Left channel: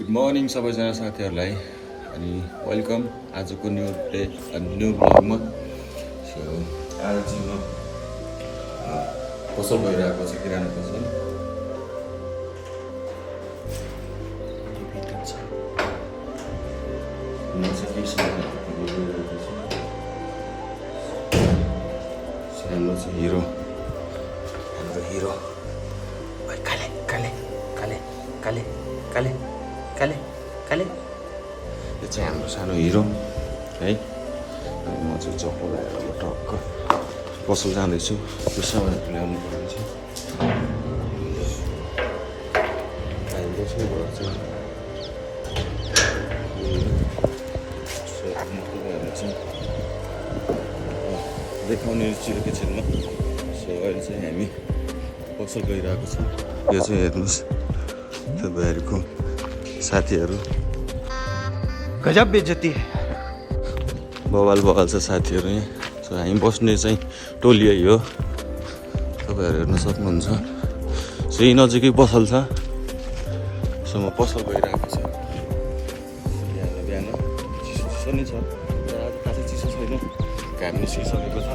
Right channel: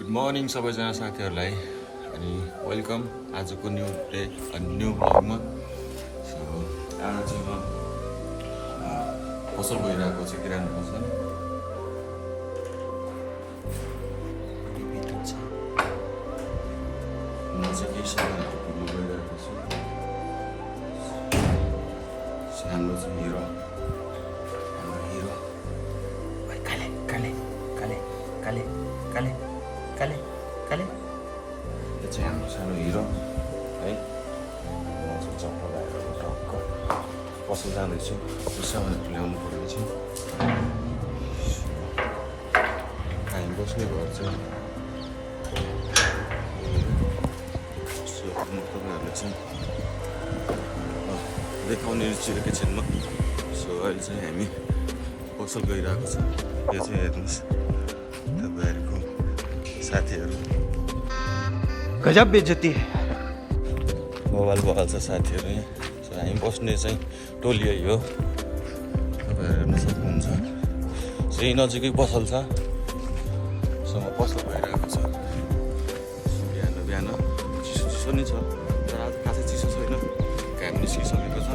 Good morning सबैजना साथीहरूलाई अनि वेलकम आजको न्यू डे न्यू ब्लगमा। सो आज चाहिँ म पसल गइरहेको छु, किराना पसल। म चाहिँ केही सामानहरू किन्नु गइरहेको छु। हाम्रो चाहिँ हिरो काले काले काले काले काले काले काले यो चाहिँ हाम्रो सानो हिरो है। म चाहिँ चप्पल टक्क पसल जाँदैछु, त्यो सामानहरू ल्याउनु पर्ने छ। हामी बस्ने घर चाहिँ म तपाईँहरूलाई चाहिँ देखाउने छु एकैछिनमा। सो अहिले चाहिँ हामी पसल गइरहेको छ। यो चाहिँ हेर्नुहोस् तपाईँहरूको साथीहरू, गजब बेइज्जती है। बवाल छ साथीहरू यहाँ। सो हामी बस्ने चाहिँ टोली यही हो, तपाईँहरू हेर्न सक्नुहुन्छ। सो यही नजिकै पसल छ। सो म पसल गइरहेको छु। बिहान चिसो नि छ, तर आज खासै चिसो छैन, घाम निस्किसकेको छ।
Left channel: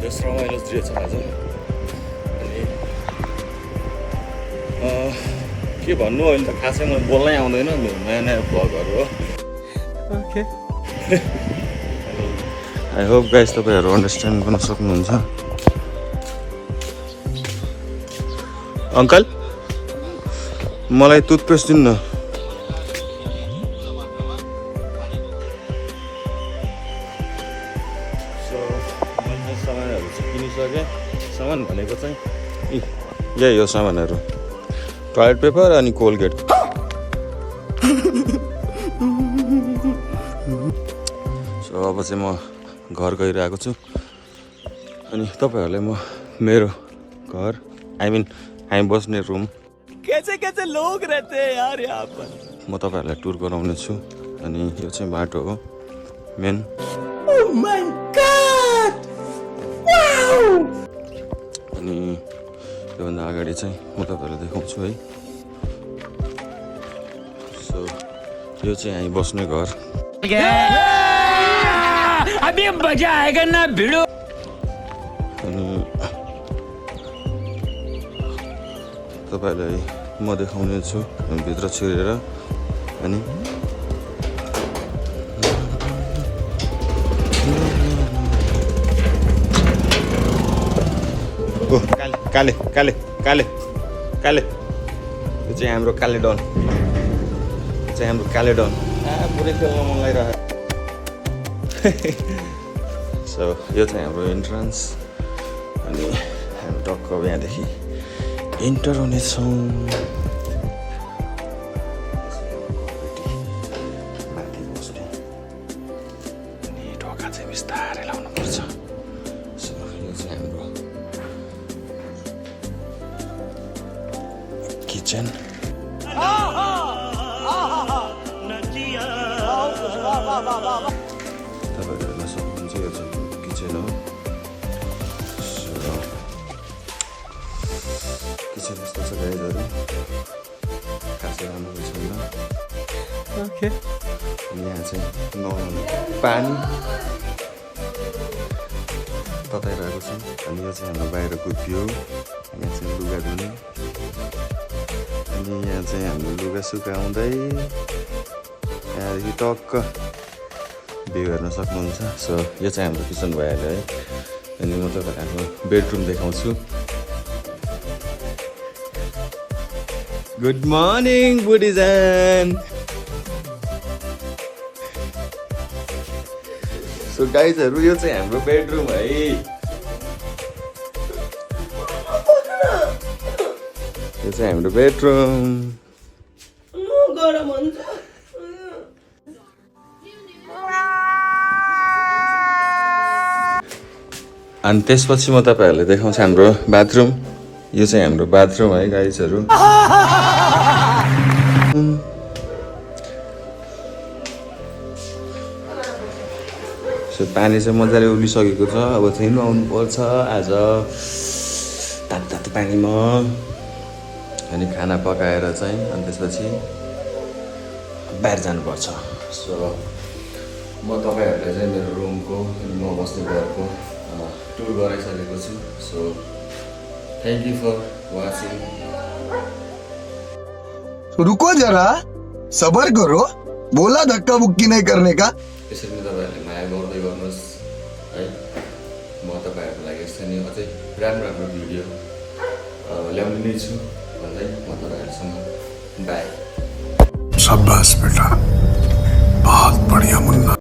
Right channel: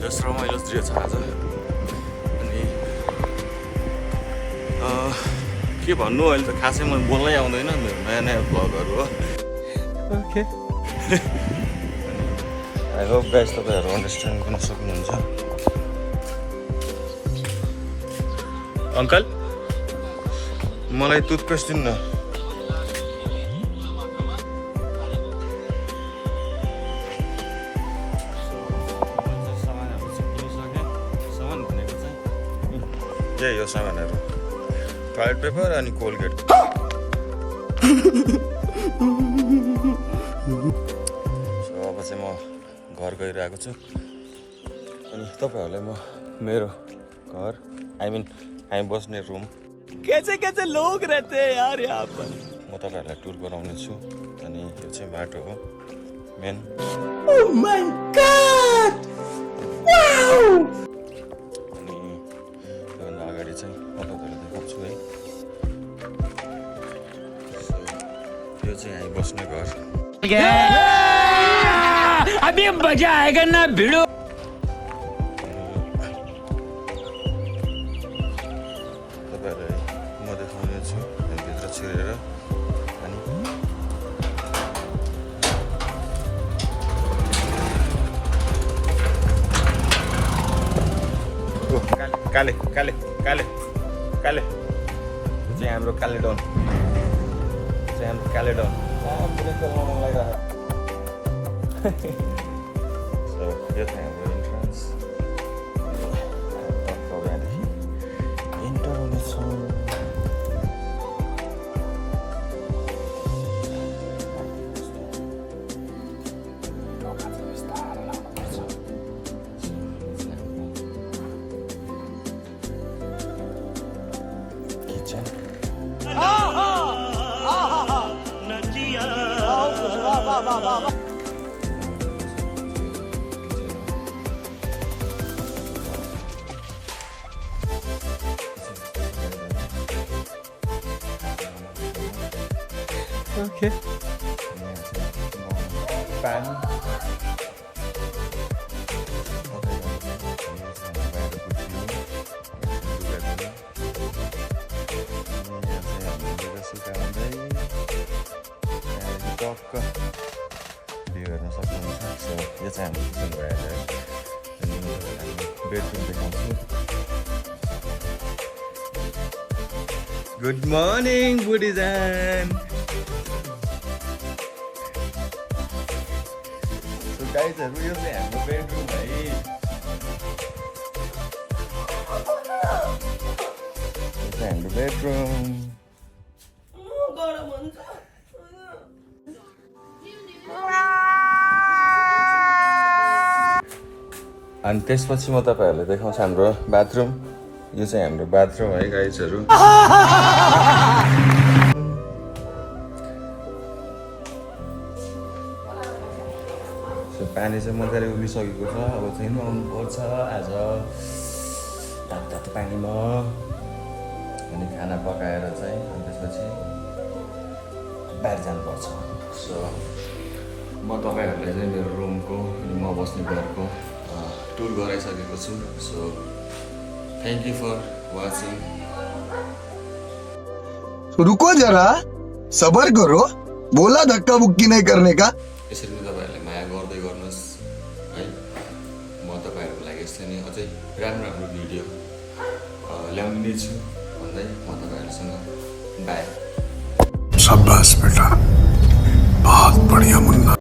जस रमाइलो दृश्य छ आज। अनि के भन्नु, अहिले त खासै मलाई बोल्नै आउँदैन, मेरो नयाँ नयाँ भ्लगहरू हो। ओके, आई होप गाइस तपाईँहरू अन्डरस्ट्यान्ड गर्न सक्नुहुन्छ। अङ्कल मलाई टुथपेस्ट दिनु न। सो मैले सामानहरू चाहिँ किनिसकेँ। सामान भनेको चाहिँ यही हो सामानहरू, टोयलेट पेपर अनि कोलगेट। सो अब चाहिँ म घर गइरहेको छु। अनि तपाईँहरूलाई म मेरो घर हामी बस्ने रुम कैसे कैसे लोग रहते हैं यार यहाँ पर, म तपाईँहरूलाई टुर गराउने छु। अनि यो चाहिँ बाटो हो main. Oh my God, wow. अनि योभन्दा अगाडि चाहिँ म तपाईँहरूलाई देखाउँछु है। सो यो चाहिँ हामी बस्ने घर। अभी मजा आएगा ना भिड़ो। अनि तपाईँहरूलाई म देखाउने छु भित्र छिरेर। अनि काले काले काले काले यो चाहिँ हाम्रो काले डन, चाहिँ हाम्रो काले डन पुरै खेल्नु लगाइरहेको। सो यो चाहिँ हाम्रो इन्ट्रान्स। अनि हामी टक्क यहाँदेखि इन्टर हुनेछौँ। अनि ढोका चाहिँ बिस्तारै लाउनुपर्छ। सो यो चाहिँ हाम्रो किचन। ओके, पानी तताइरहेको छ। अनि यो चाहिँ हाम्रो बाहिरको थियो, यहाँ चाहिँ लुगा धुने। अनि यहाँ चाहिँ हाम्रो लुगा सुकाउँदै यहाँदेखि टक्क भ्यू हेर्न सक्नुहुन्छ। सो यो चाहिँ हाम्रो किचन भइहाल्यो है। अनि म तपाईँहरूको बेडरुम देखाउँछु। गुड मर्निङ बुढीजान। सो गाइजहरू यो चाहिँ हाम्रो बेडरुम है। यो चाहिँ हाम्रो बेडरुम। गरम हुन्छ। अनि त्यसपछि म तपाईँहरूलाई देखाउँछु हाम्रो बाथरुम। यो चाहिँ हाम्रो बाथरुम है गाइजहरू। सो पानी चाहिँ मजाले उभिसकेको छ। अब चाहिँ नुहाउनु पर्छ आज तातो तातो पानीमा। अनि खाना पकाएर चाहिँ अनि त्यसपछि बाहिर जानुपर्छ। सो म तपाईँहरूलाई चाहिँ मेरो रुमको अनि म बस्ने घरको टुर गराइसकेको छु। So thank you for watching. रुको जरा, सबर करो, बोला धक्का बुक्की नहीं करने का। यसरी नै तपाईँहरूले माया गर्दै गर्नुहोस् है। म तपाईँहरूको लागि यस्तै नै अझै राम्रो राम्रो भिडियो ल्याउने छु भन्दै म तपाईँहरूसँग बाई। शाबाश बेटा, बहुत बढ़िया मुन्ना।